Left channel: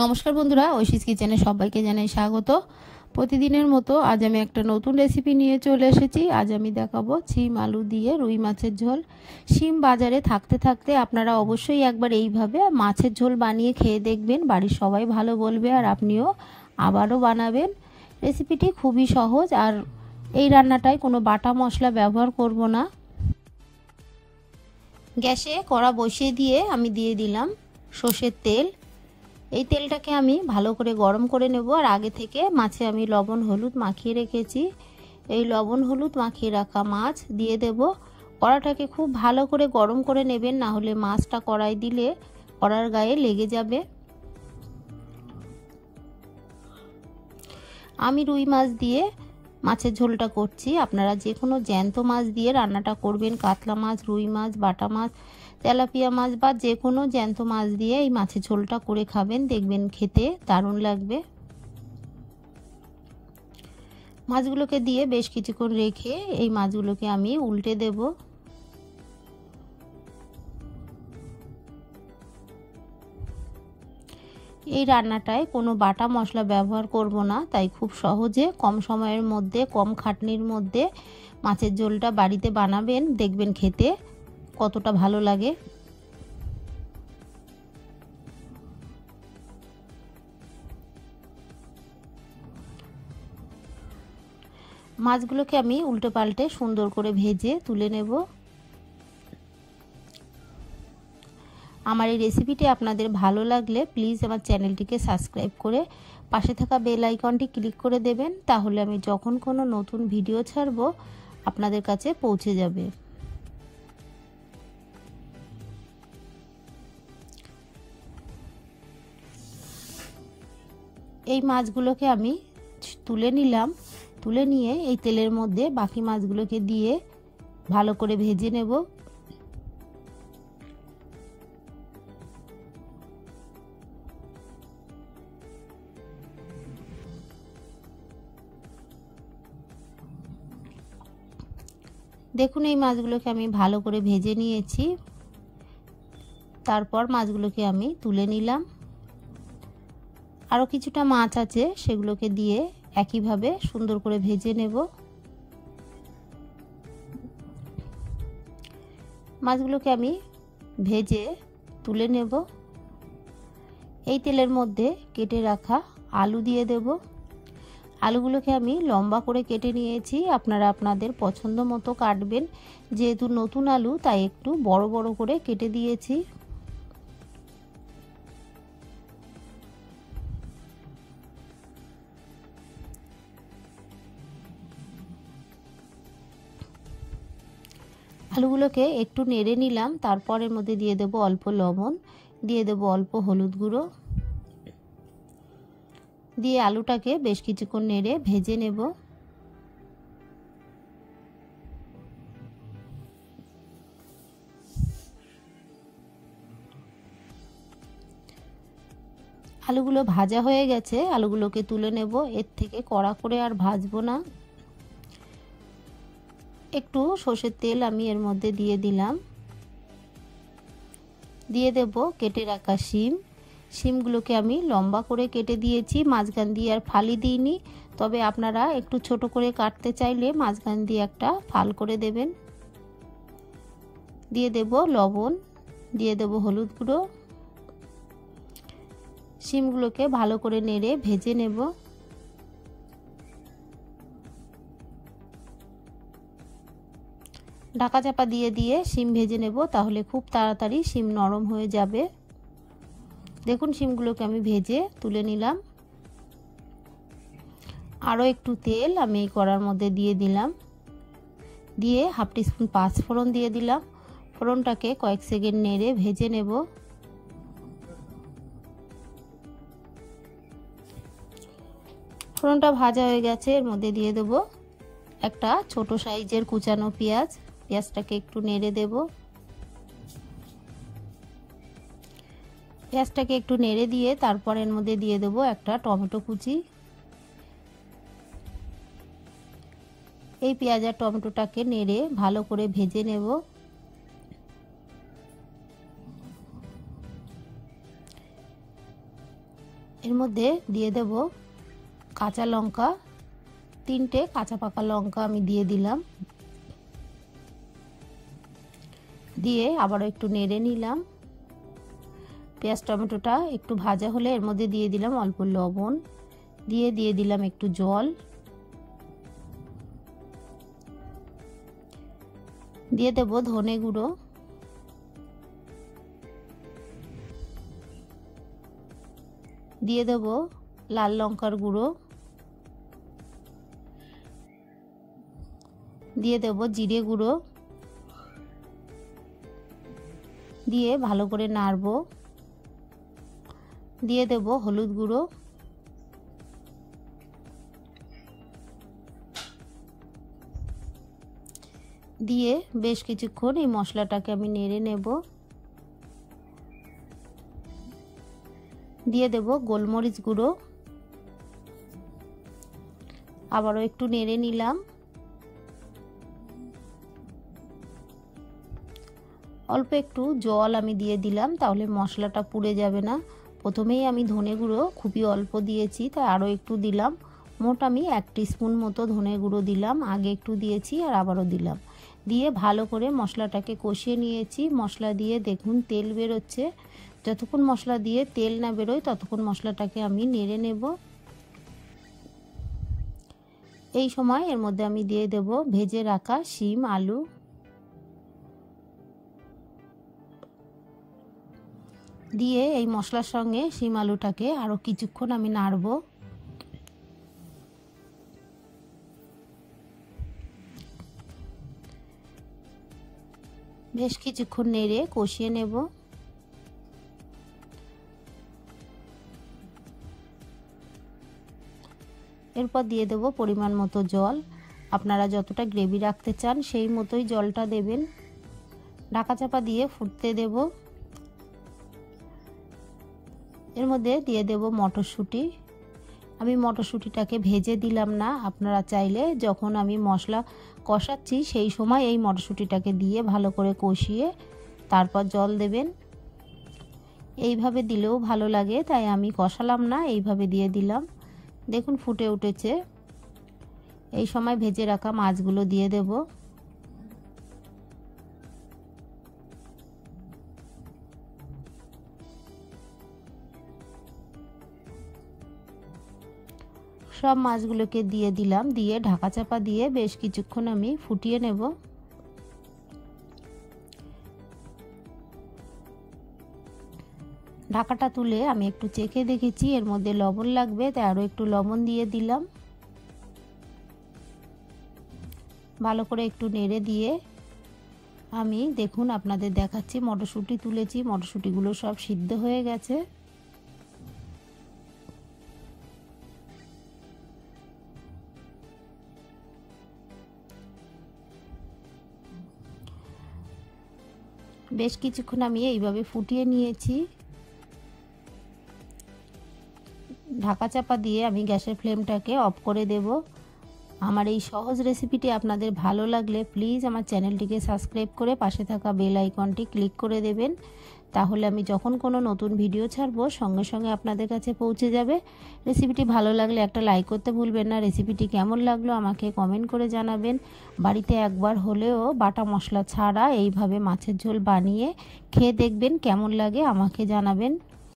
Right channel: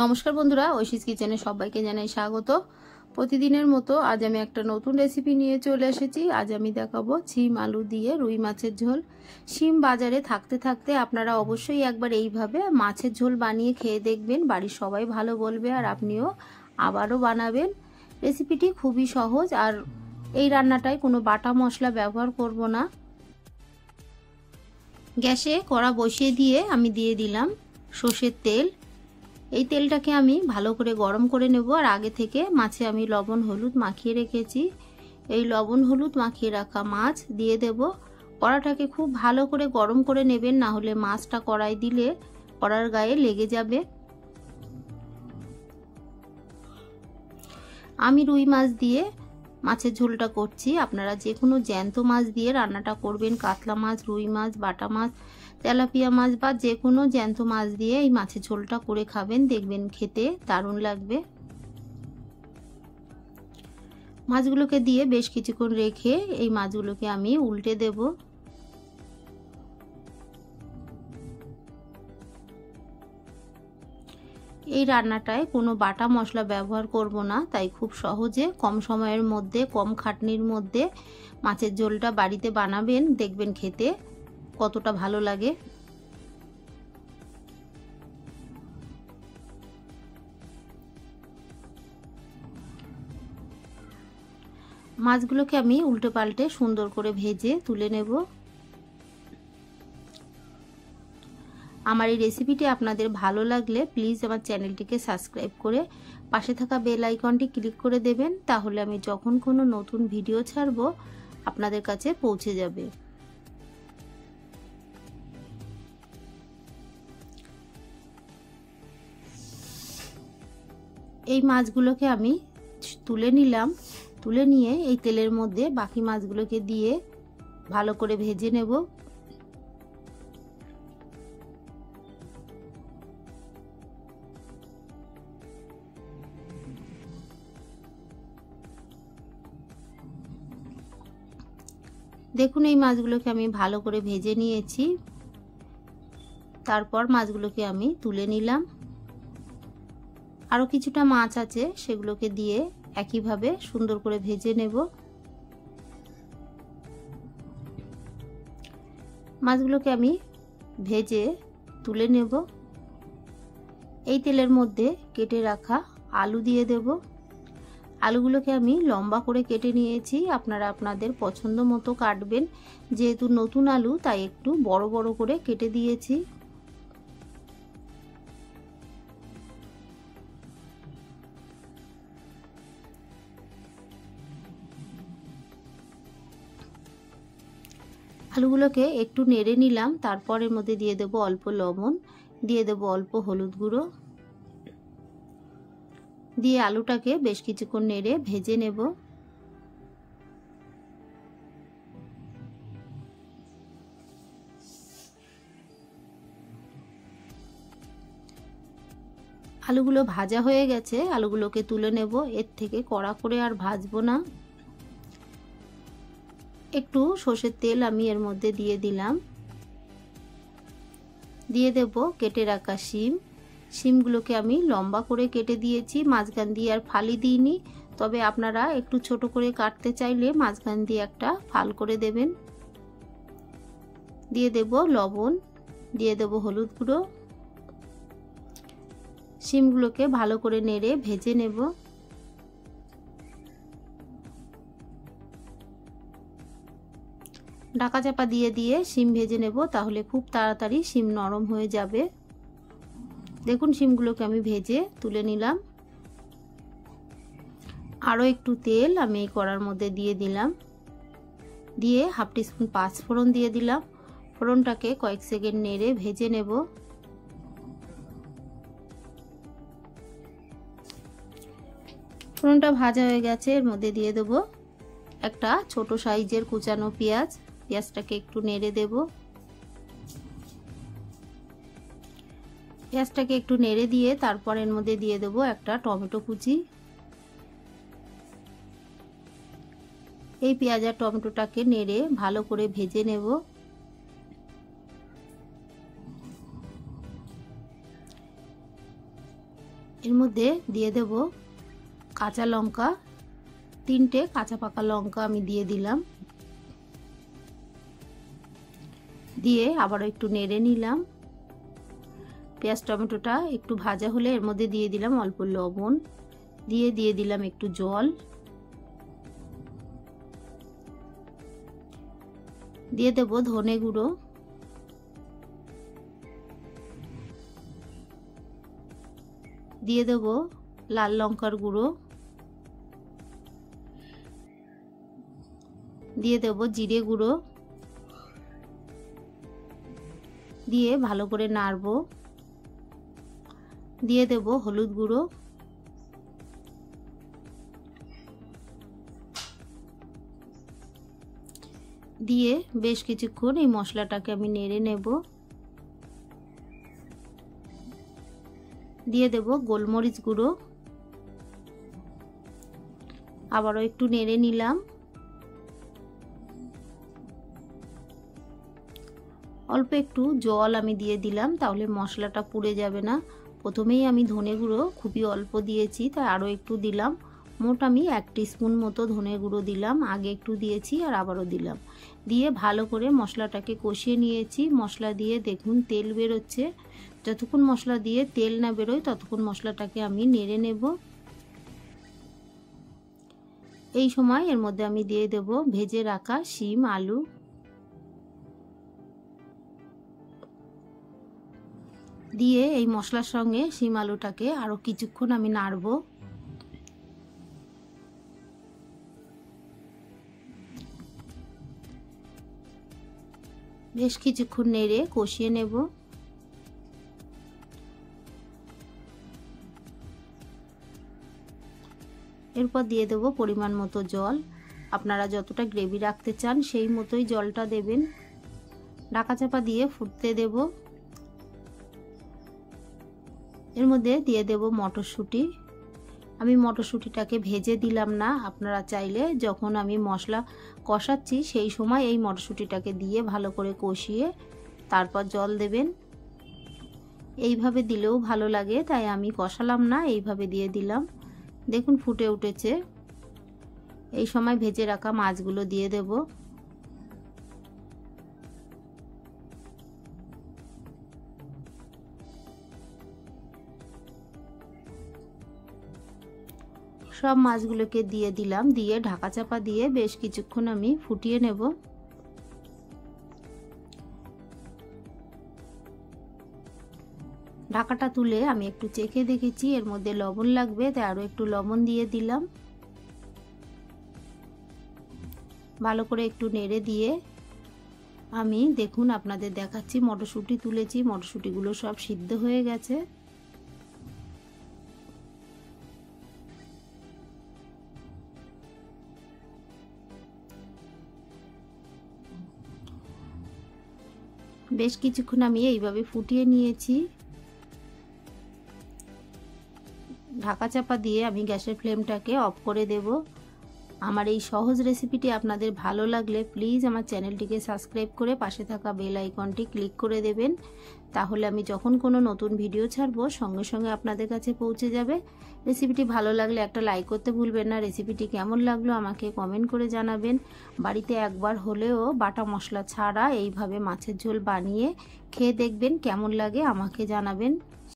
নমস্কার বন্ধুরা, ঐশীস কিচেনে সবাইকে জানাই স্বাগত। প্রতিদিনের মতো আজ আমি একটা নতুন রেসিপি নিয়ে চলে এসেছি। আজ আমি দেখাবো শিম আলু দিয়ে রুই মাছের ঝোল। শিম বাজারে থাকতে থাকতে আপনারা অবশ্যই একবার এইভাবে মাছের ঝোল বানিয়ে খেয়ে দেখবেন, বাড়ির সবাই ভালো বলবে আর আপনিও আবারও বানাবেন। রেসিপিটি খুবই সহজ, আর এই রান্নাটায় কোনো বাটা মশলা ব্যবহার করব না। গ্যাসে কড়া বসিয়ে দিয়ে আমি দিয়ে দিলাম সর্ষের তেল। এই তেলটাকে আমি ভালো করে গরম করে নেব। আর আগে থেকে মাছে আমি লবণ হলুদ মাখিয়ে রেখেছি। এই লবণ হলুদ মাখিয়ে রাখা মাছ দিয়ে দেব। কড়াটাকে খুব ভালো করে গরম করে নেবেন, না হলে মাছটা কড়াই দিলে কড়ার গায়ে লেগে যাবে। আমি রুই মাছ দিয়ে মাছের ঝোলটা করছি, আপনারা যে কোনো জ্যান্ত মাছ দিয়ে রান্নাটা করবেন। কাতলা মাছ, রুই মাছ, বাটা মাছ, তেলাপিয়া মাছ বা যে কোনো জ্যান্ত মাছ দিয়ে এই মাছের ঝোলটা করে খাবেন, দেখবেন খেতে দারুণ লাগবে। মাছগুলোকে দিয়ে বেশ কিছুক্ষণ রেখে এই মাছগুলোকে আমি উল্টে দেব। এই রান্নাটায় কোনো বাটা মশলা ব্যবহার করব না, তাই খুব সহজে কম সময়ের মধ্যে কম খাটনির মধ্যে মাছের ঝোলটা বাড়িতে বানাবেন, দেখবেন খেতে কতটা ভালো লাগে। মাছগুলোকে আমি উল্টে পাল্টে সুন্দর করে ভেজে তুলে নেব। আমার এই রেসিপিটি আপনাদের ভালো লাগলে প্লিজ আমার চ্যানেলটিকে সাবস্ক্রাইব করে পাশে থাকা বেল আইকনটি ক্লিক করে দেবেন, তাহলে আমি যখন কোনো নতুন ভিডিও ছাড়বো আপনাদের কাছে পৌঁছে যাবে। এই মাছগুলোকে আমি তুলে নিলাম। তুলে নিয়ে এই তেলের মধ্যে বাকি মাছগুলোকে দিয়ে ভালো করে ভেজে নেব। দেখুন এই মাছগুলোকে আমি ভালো করে ভেজে নিয়েছি। তারপর মাছগুলোকে আমি তুলে নিলাম। আরও কিছুটা মাছ আছে, সেগুলোকে দিয়ে একইভাবে সুন্দর করে ভেজে নেব। মাছগুলোকে আমি ভেজে তুলে নেব। এই তেলের মধ্যে কেটে রাখা আলু দিয়ে দেব। আলুগুলোকে আমি লম্বা করে কেটে নিয়েছি, আপনারা আপনাদের পছন্দ মতো কাটবেন। যেহেতু নতুন আলু তাই একটু বড় বড় করে কেটে দিয়েছি। আলুগুলোকে একটু নেড়ে নিলাম। তারপর এর মধ্যে দিয়ে দেব অল্প লবণ, দিয়ে দেব অল্প হলুদ গুঁড়ো, দিয়ে আলুটাকে বেশ কিছুক্ষণ নেড়ে ভেজে নেব। আলুগুলো ভাজা হয়ে গেছে, আলুগুলোকে তুলে নেব। এর থেকে কড়া করে আর ভাজবো না। একটু সর্ষের তেল আমি এর মধ্যে দিয়ে দিলাম। দিয়ে দেব কেটে রাখা শিম। শিমগুলোকে আমি লম্বা করে কেটে দিয়েছি, মাঝখান দিয়ে আর ফালি দিইনি। তবে আপনারা একটু ছোট করে কাটতে চাইলে মাঝখান দিয়ে একটা ফাল করে দেবেন। দিয়ে দেব লবণ, দিয়ে দেব হলুদ গুঁড়ো। শিমগুলোকে ভালো করে নেড়ে ভেজে নেব। ঢাকা চাপা দিয়ে দিয়ে শিম ভেজে নেব, তাহলে খুব তাড়াতাড়ি শিম নরম হয়ে যাবে। দেখুন শিমগুলোকে আমি ভেজে তুলে নিলাম। আরও একটু তেল আমি এই কড়ার মধ্যে দিয়ে দিলাম। দিয়ে হাফ টিস্পুন পাঁচফোড়ন দিয়ে দিলাম। ফোড়নটাকে কয়েক সেকেন্ড নেড়ে ভেজে নেব। ফোড়নটা ভাজা হয়ে গেছে, এর মধ্যে দিয়ে দেব একটা ছোট সাইজের কুচানো পেঁয়াজ। পেঁয়াজটাকে একটু নেড়ে দেব। পেঁয়াজটাকে একটু নেড়ে দিয়ে তারপর এর মধ্যে দিয়ে দেব একটা টমেটো কুচি। এই পেঁয়াজ আর টমেটোটাকে নেড়ে ভালো করে ভেজে নেব। এর মধ্যে দিয়ে দেব কাঁচা লঙ্কা, 3টে কাঁচা পাকা লঙ্কা আমি দিয়ে দিলাম। দিয়ে আবারও একটু নেড়ে নিলাম। পেঁয়াজ টমেটোটা একটু ভাজা হলে এর মধ্যে দিয়ে দিলাম অল্প লবণ, দিয়ে দিলাম একটু জল, দিয়ে দেব ধনে গুঁড়ো, দিয়ে দেব লাল লঙ্কার গুঁড়ো, দিয়ে দেব জিরে গুঁড়ো, দিয়ে ভালো করে নাড়বো। দিয়ে দেব হলুদ গুঁড়ো, দিয়ে বেশ কিছুক্ষণ এই মশলাটাকে আমি নেড়ে নেব। দিয়ে দেব গোলমরিচ গুঁড়ো, আবারও একটু নেড়ে নিলাম। অল্প একটু জল আমি দিয়ে দিলাম, তাহলে মশলাটা পুড়ে যাবে না। প্রথমেই আমি ধনে গুঁড়ো খুবই অল্প দিয়েছি, তাই আরও একটু দিলাম। মোট আমি 1 টিস্পুন মতো ধনে গুঁড়ো দিলাম, আগে একটু দিয়েছি আর আবারও দিলাম। দিয়ে ভালো করে মশলাটাকে কষিয়ে নিয়েছি। মশলা দিয়ে দেখুন তেল বেরোচ্ছে। যতক্ষণ মশলা দিয়ে তেল না বেরোয় ততক্ষণ মশলাটাকে আমি নেড়ে নেব। এই সময় এর মধ্যে আমি দিয়ে দেব ভেজে রাখা শিম আলু, দিয়ে এই মশলার সঙ্গে শিম আলুটাকে আরো কিছুক্ষণ আমি নাড়বো। বেশ কিছুক্ষণ নেড়ে কষিয়ে নেব। এরপর দিয়ে দেব পরিমাণ মতো জল। আপনারা যতটা গ্রেভি রাখতে চান সেই মতোই জলটা দেবেন। ঢাকা চাপা দিয়ে ফুটতে দেব। এর মধ্যে দিয়ে দেব মটরশুঁটি। আমি মটরশুঁটিটাকে ভেজে দিলাম না, আপনারা চাইলে যখন আমি মশলা কষাচ্ছি সেই সময় এই মটরশুঁটিটাকে দিয়ে ভালো করে কষিয়ে তারপর জল দেবেন। এইভাবে দিলেও ভালো লাগে, তাই আমি কষালাম না, এইভাবে দিয়ে দিলাম। দেখুন ফুটে উঠেছে। এই সময় ভেজে রাখা মাছগুলো দিয়ে দেব। সব মাছগুলোকে দিয়ে দিলাম, দিয়ে ঢাকা চাপা দিয়ে বেশ কিছুক্ষণ আমি ফুটিয়ে নেব। ঢাকাটা তুলে আমি একটু চেখে দেখেছি এর মধ্যে লবণ লাগবে, তাই আরো একটু লবণ দিয়ে দিলাম। ভালো করে একটু নেড়ে দিয়ে আমি দেখুন আপনাদের দেখাচ্ছি মটরশুঁটি তুলেছি, মটরশুঁটিগুলো সব সিদ্ধ হয়ে গেছে। বেশ কিছুক্ষণ আমি এইভাবে ফুটিয়ে নিয়েছি। ঢাকা চাপা দিয়ে আমি গ্যাসের ফ্লেমটাকে অফ করে দেব। আমার এই সহজ রেসিপিটি আপনাদের ভালো লাগলে প্লিজ আমার চ্যানেলটিকে সাবস্ক্রাইব করে পাশে থাকা বেল আইকনটি ক্লিক করে দেবেন, তাহলে আমি যখন কোনো নতুন ভিডিও ছাড়বো সঙ্গে সঙ্গে আপনাদের কাছে পৌঁছে যাবে। রেসিপিটি ভালো লাগলে একটা লাইক করতে ভুলবেন না। রেসিপিটি কেমন লাগলো আমাকে কমেন্ট করে জানাবেন। বাড়িতে একবার হলেও বাটা মশলা ছাড়া এইভাবে মাছের ঝোল বানিয়ে খেয়ে দেখবেন, কেমন লাগে আমাকে জানাবেন।